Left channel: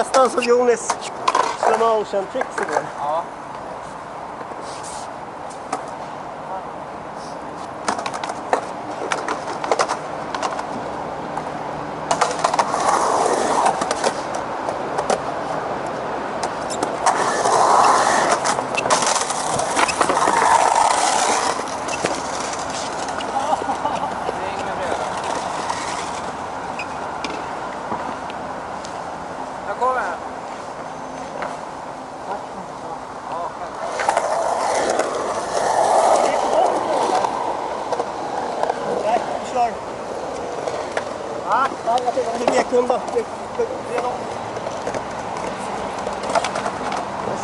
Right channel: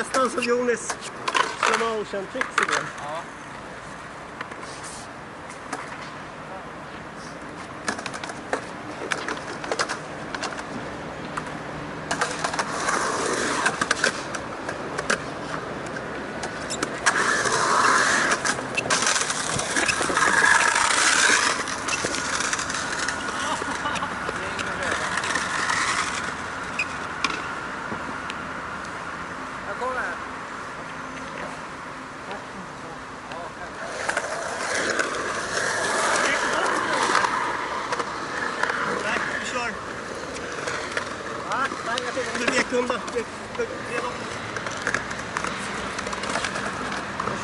nästan som Jonis slow motion tricks igår. Ja. Nej, jag tänkte om du vek undan. Då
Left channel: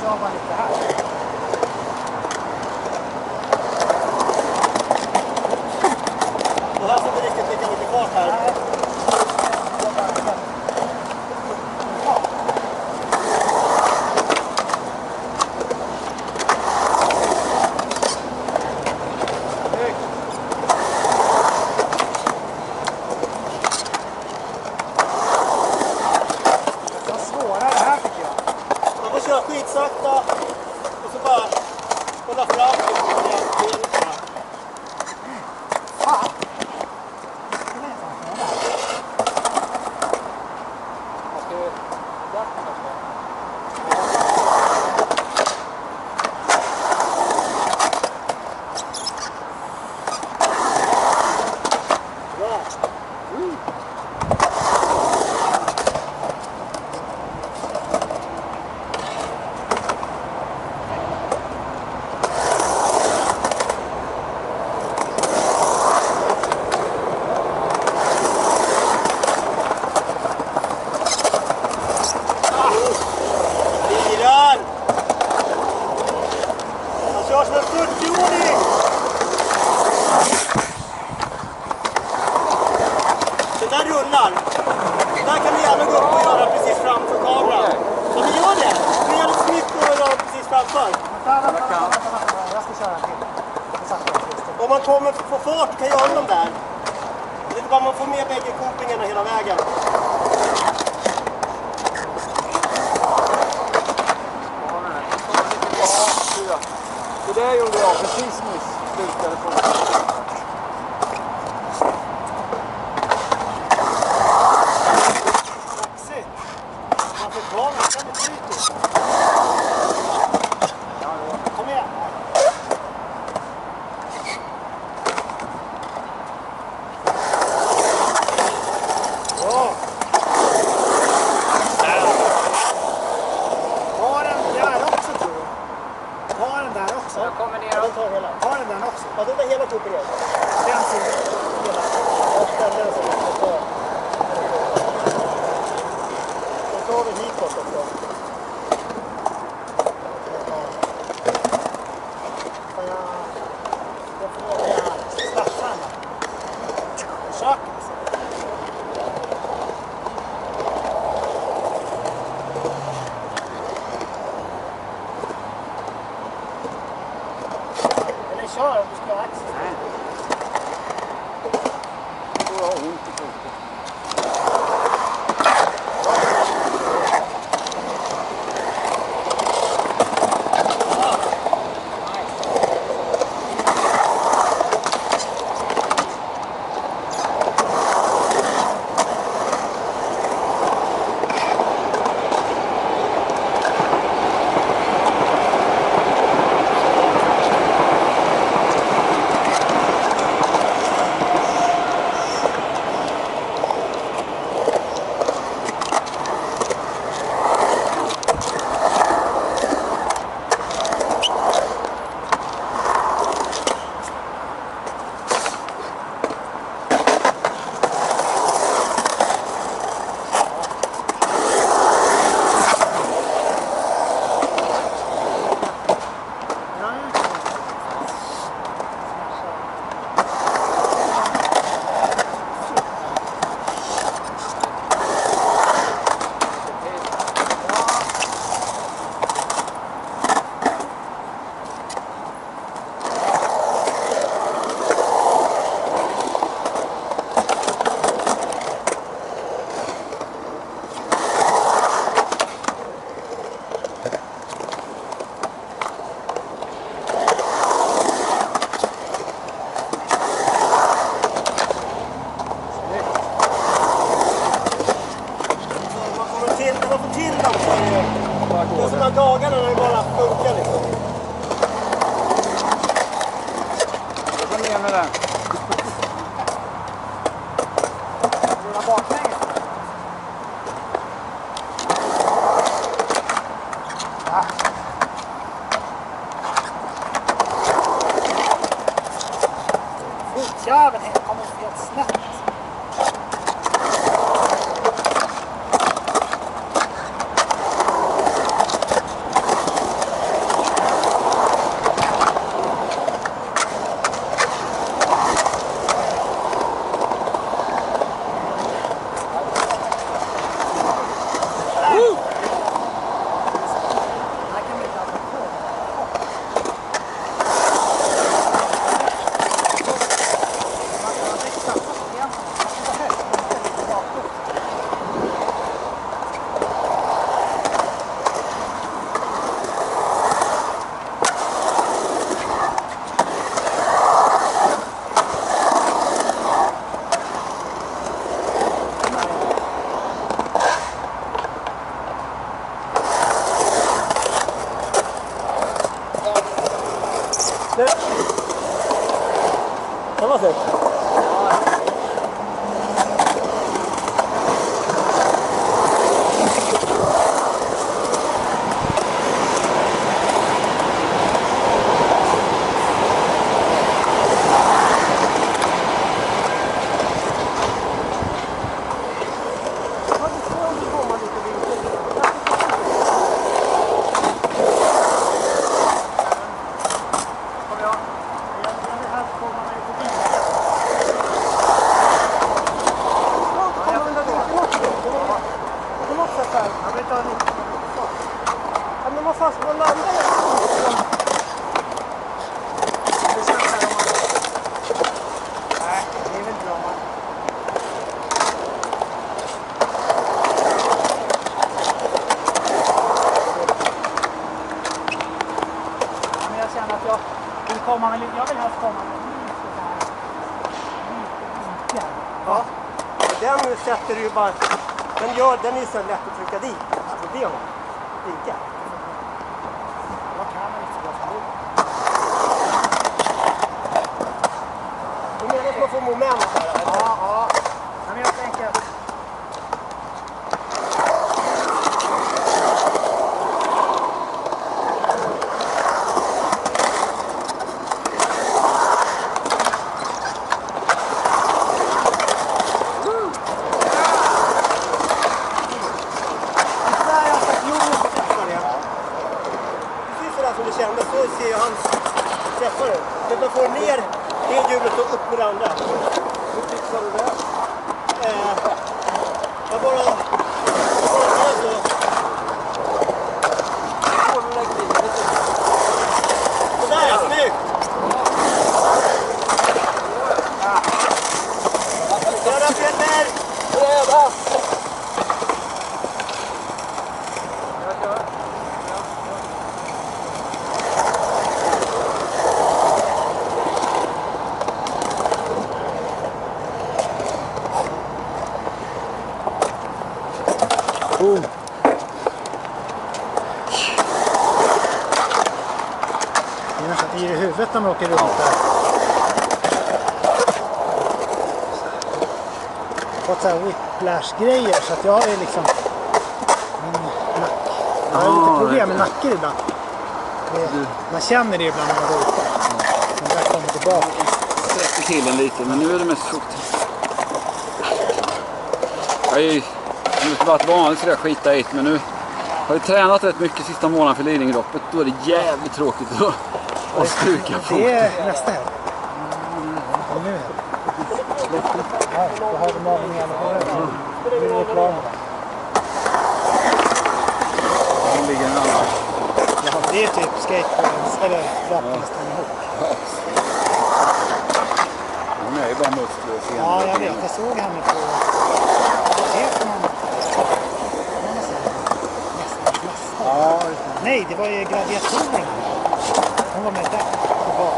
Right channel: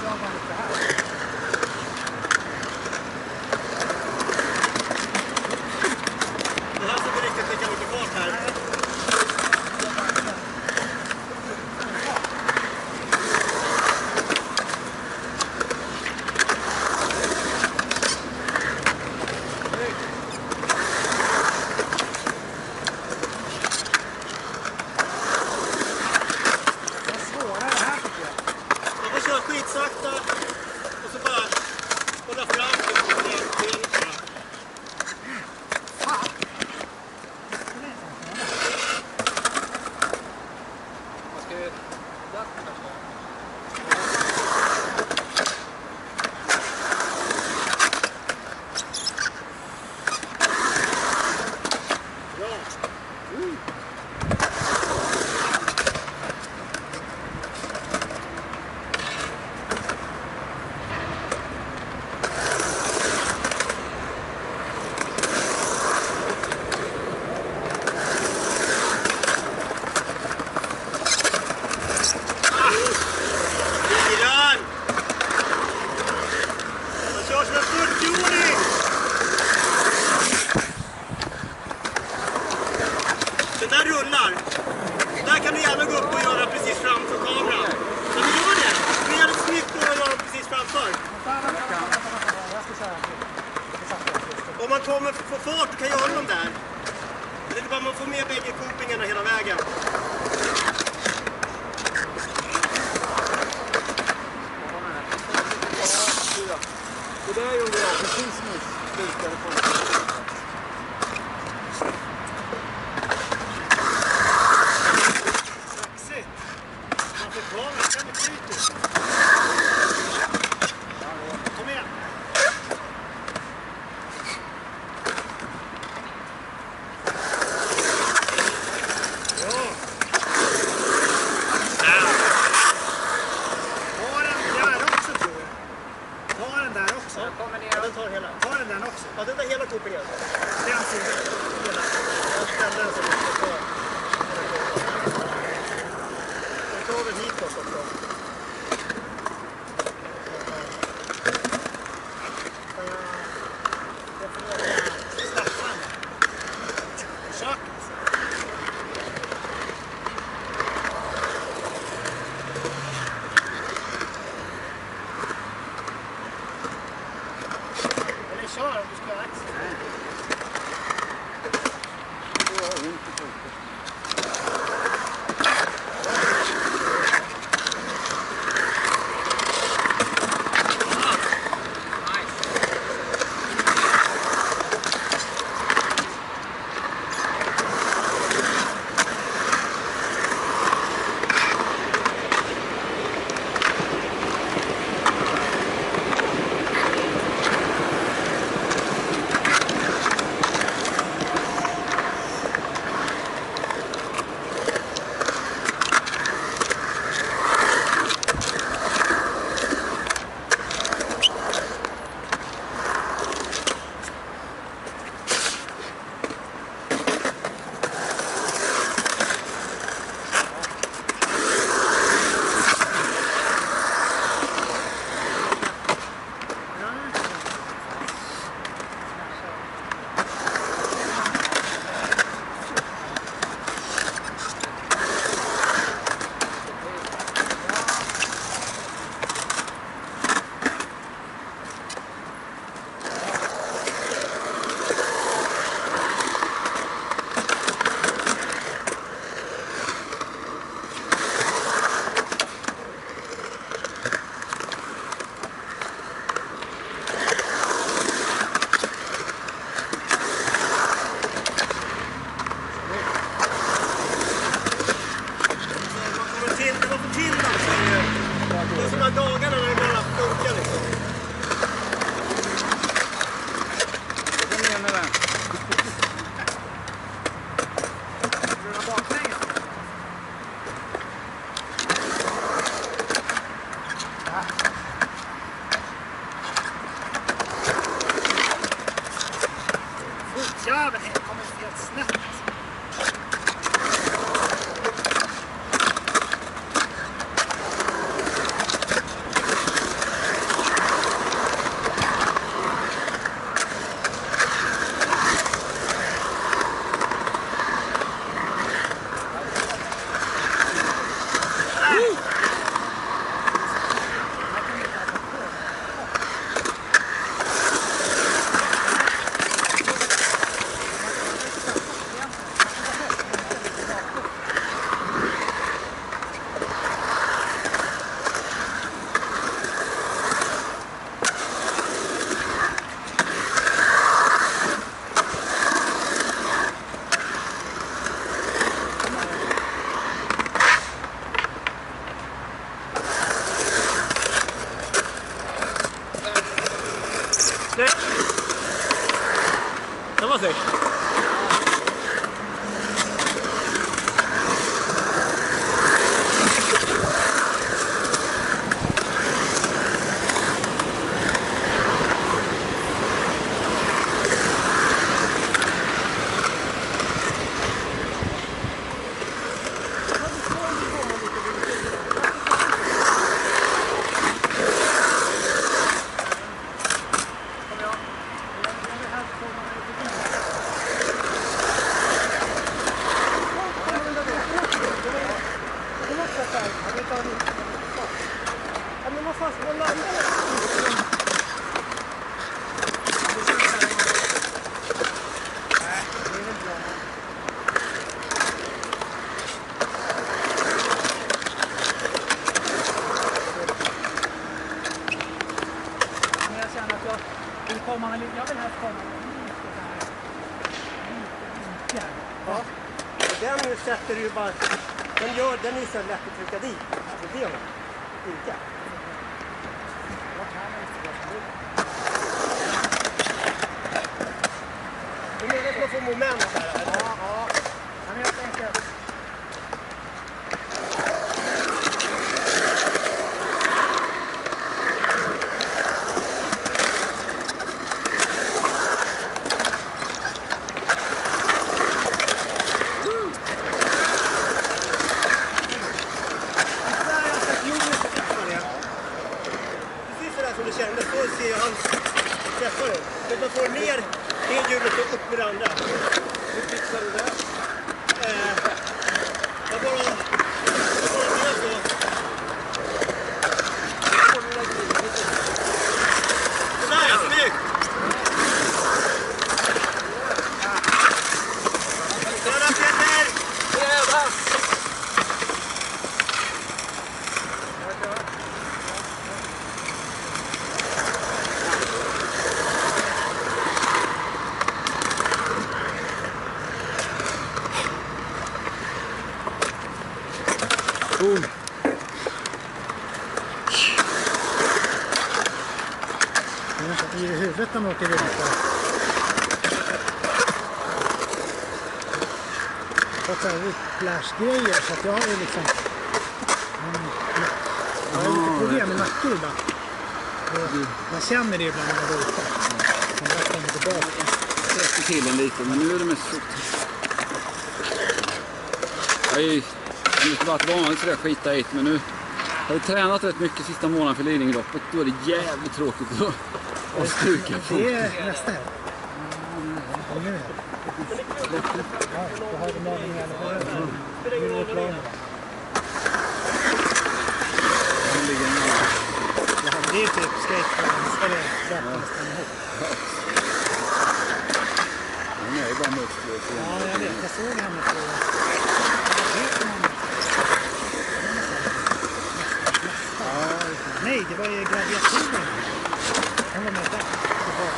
kör man lite här. Det här ser riktigt lika mycket fart här. Nej. Kör skitsakta och så bara hålla fram och Fan! Man ska ju jakten först. Bra! Han kör som en 40-åring! Den där rullar. Där kan du gärna gå upp och göra precis framför kameran. Men du gör det. Det är jävligt snyggt att göra precis framför. Jag ska köra till. Om man kommer få fart och kan göra dem där. Det är bara man får med bägge koplingarna hela vägen. Det där gjorde jag precis nyss. Slutade på. Saxigt. Man får ta mig. Den är typiskt. Kom igen. Bra. Ta den där också, tror jag. Ta den där också. Jag kommer ner. Ja, den tar hela. Ta den där också. Ja, den där hela kopplingen. Den sidan. Hela. Ja, den som jag tar. Den tar väl hitåt också. Staffan. Kök. Eller kör om du ska ha axel. Jäveln kommer helt snett alltså. Det var säkert. Jag vill helst komma med lite där. Ja. Den sätter du ju bara. Den är så lätt att trycka dit. Alltså det är vinka. Du menar att man får moment här? Ja. Men jag tänker att som du kände så ser jag hans träffare. Men då får ner det hjulet och upp med det andra. Hur fixar du det? Jag bara gör så. Sådär ja, snyggt! Sådär Peter! Bräda! boom. Det är nästan i huvudet när man åker runt där. Jag har fått så här whiplash-grejer så att jag är liksom jag har lite problem med nacken ibland. Man känner det ibland när man går ute. Men där kommer tillbaka. Jag sträcker till en lite, men nu är det mest frukt. Jag har inte varit vanligt så där skita i, men nu har vi tränat rätt mycket sista månaden för Lidingöloppet. Då är det jävligt tråkigt att stuka på. Det är nästa här. Nu är det. Ja, då har vi navningen på det. Nu är det klar. Den ligger en annan. Ja, det är typ skateboardens, eller rapplisten ihop. Den är ju bara muskler. Ja, jag vet. Jag såg henne på... Ja, nej, det var ju gladiatoren. Hon var med där. Hon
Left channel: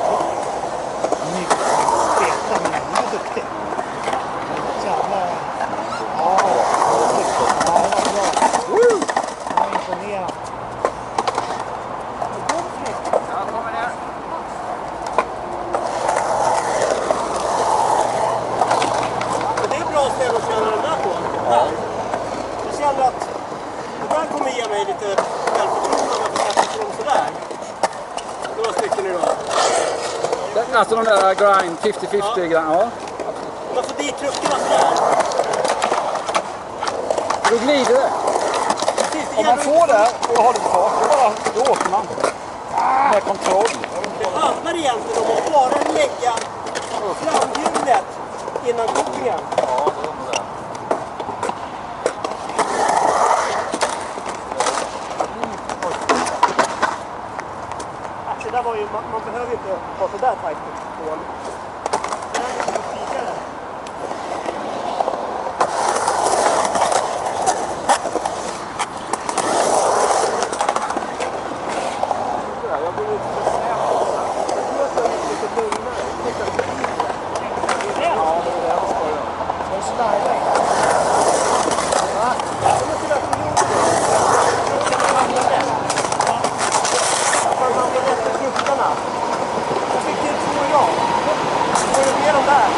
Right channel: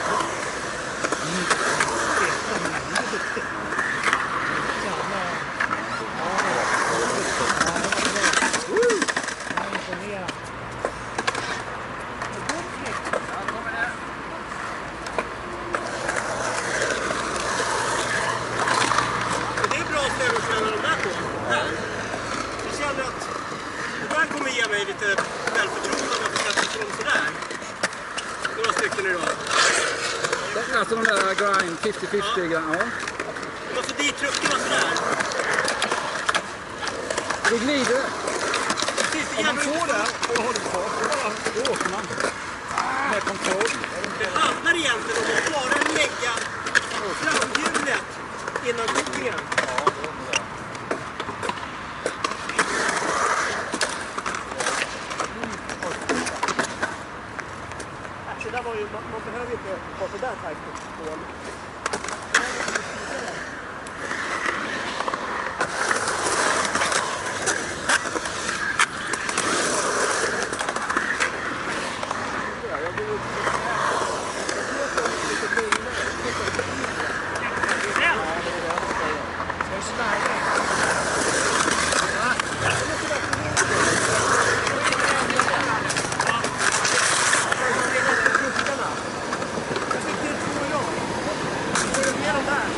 spelade, men hon var duktig. Jävlar. Ja, det var bra. Woo! Jag var imponerad. Det är bra ställe att känna de där på. Ja. Jag känner att det där kommer ge mig lite självförtroende att sätta sig sådär. Några stycken idag. Alltså de där grind, 50-50 grind, ja. Man får dit truckarna sådär. Då glider det. Precis, det Om man gäller får inte- det och har det kvar, då åker man. Med kontroll. Det handlar egentligen om att bara lägga framhjulet innan kopplingen. Det där var ju, man behöver inte vara så där tajt på. Ska du slarva in? Jag fick till 2 idag. Får du med dem där?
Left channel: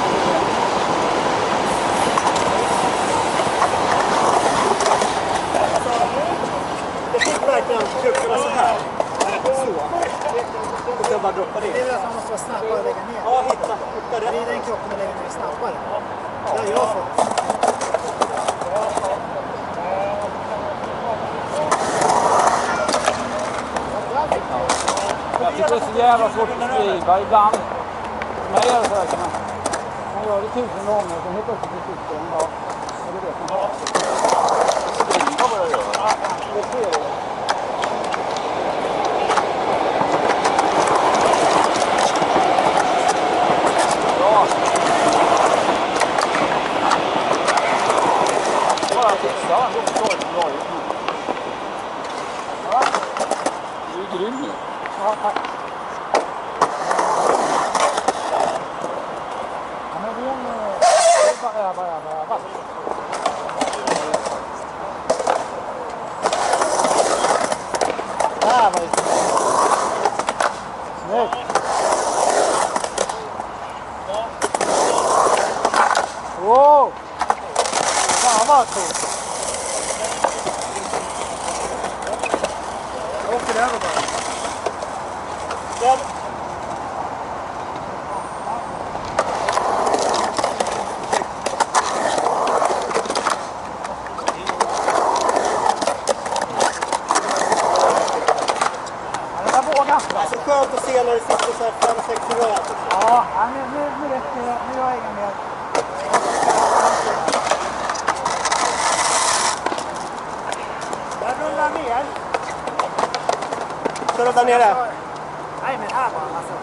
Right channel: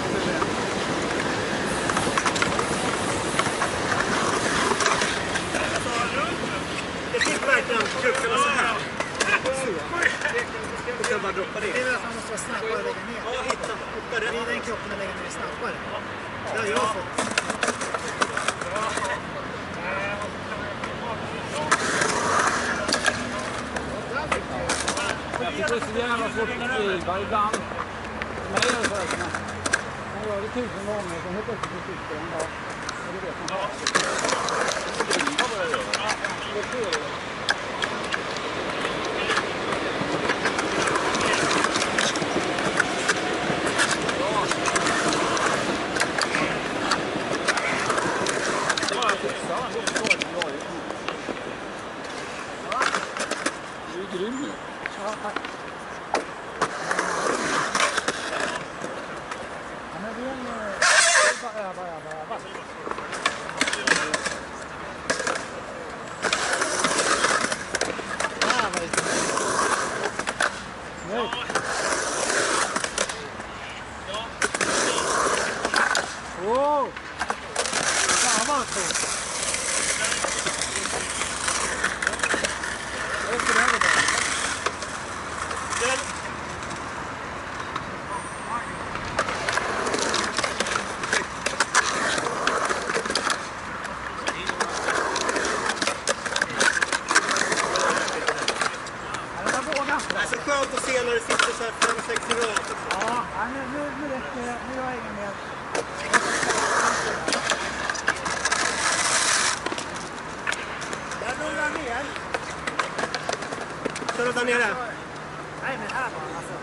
Jag fick verkligen truckarna så här. Så. Och sen bara droppa Det är det. väl att man måste vara snabbare och lägga ner. Ja, hitta rätt. Vrida in kroppen och lägga ner snabbare. Det har jag fått. Jag tycker det är så jävla svårt att beskriva ibland. För mig är det så här, man gör det 1000 gånger och sen helt plötsligt sitter den. Ja, det vet man. Skriva vad jag gör. Det ser jag. Bra. Bara fixa, han går så bra ut. Ja, du är grym nu. Ja, tack. Ja, men det är bara öva. Där var det snyggt. Wow! Fan vad coolt. Jag åker över det. Där. Den där vågar. Det är så skönt att se när det sitter så här 5-6 i rad. Ja, nu räcker det. Nu har jag inga mer. Jag rullar ner. Så där nere. Nej, men här var han alltså.